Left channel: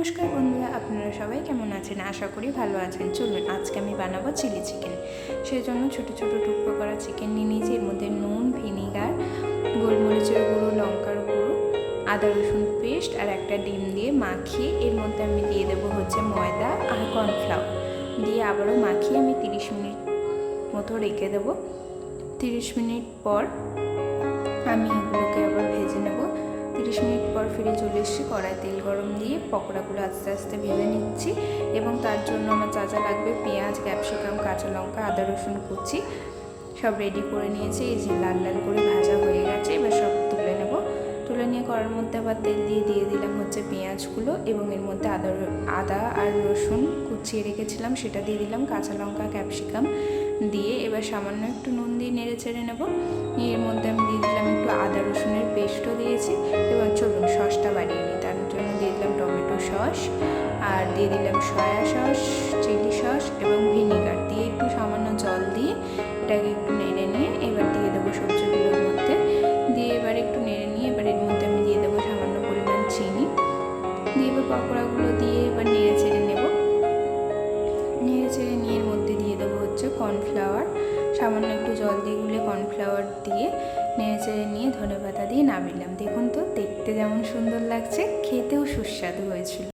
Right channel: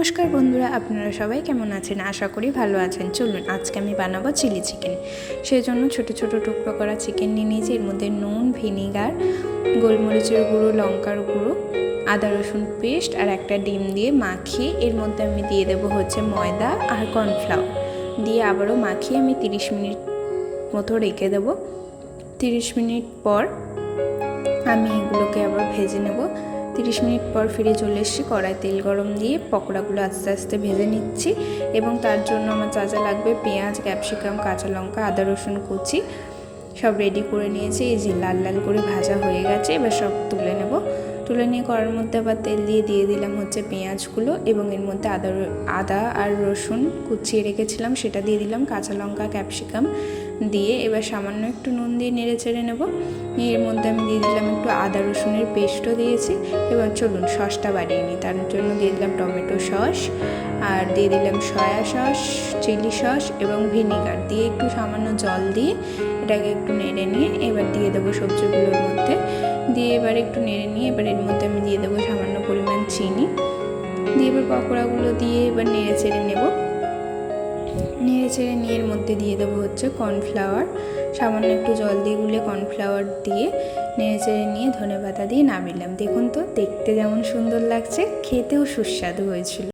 নমস্কার বন্ধুরা, আপনারা সবাই কেমন আছেন? আশা করি ভালো আছেন। চলুন আজকে আমি বানাবো চিলি চিকেন। সেই জন্য ছোটো ছোটো টুকরো করা চিকেন নিয়ে নিয়েছি। এর মধ্যে নুন, ভিনিগার, গোলমরিচের গুঁড়ো, লঙ্কার গুঁড়ো, আদা রসুন পেস্ট আর একটা ডিম দিয়ে মাখিয়ে এর মধ্যে আমি দিয়ে দেবো ময়দা আর কর্নফ্লাওয়ার দিয়ে আবারও মাখিয়ে আমি 30 মিনিট মতো রেখে দেবো। 30 মিনিট পর আমি এগুলোকে আবার ভেজে নেব। 30 মিনিট পর ফিরে চলে এসেছি। কড়াই তেল গরম দিয়ে পকোড়াগুলো আস্তে আস্তে ভেজে নিচ্ছি এবং তার জন্য আমার যা যা লাগবে পেঁয়াজ, ক্যাপসিকাম, কাঁচা লঙ্কা, আদা রসুন কুচি সব রেডি করে নিয়েছি। এই যে লাল লাল করে ভাজা হয়ে গেছে, এবার সব তুলে নেব। তুলে নিয়ে কড়ার মধ্যে আবার তেল দিয়ে দিলাম পেঁয়াজগুলো এবং এর মধ্যে আদা আর রসুন কুচিয়ে রেখেছিলাম সেটা দিয়ে দিলাম, কাঁচা লঙ্কা, ক্যাপসিকাম দিয়ে এবার সামান্য একটু নুন দিয়ে নেড়ে চেড়ে নেব। এর মধ্যে আমি দিয়ে দিলাম একটু আদা রসুনের পেস্টও দিয়েছি। এবং চলুন সসটা বাড়িয়ে নিই। তার জন্য দিয়ে দিলাম টমেটো সস আর দিয়ে দিলাম সয়া সস, চিলি সস এবং ভিনিগার দিয়ে একটু সামান্য জল দিয়ে এটাকে একটু নেড়ে নিয়ে এবার দিয়ে দেবো সবজিগুলোর মধ্যে দিয়ে এবার একটু নেড়ে নিয়ে এবার এর মধ্যে আমি দিয়ে দেবো সামান্য পরিমাণ চিনি দিয়ে এবার পকোড়াগুলো দিয়ে এবার নেড়ে চেড়ে নেব। নেড়ে চেড়ে নিয়ে এর মধ্যে দিয়ে দেবো কর্নফ্লাওয়ার, সামান্য একটু জল দিয়ে গুলে কর্নফ্লাওয়ার দিয়ে নেড়ে চেড়ে নিয়ে ধনেপাতা দিয়ে নামিয়ে নিলাম। দেখুন তো দেখতে যেমন সুন্দর লাগছে, খেতেও সুস্বাদু হয়েছিল।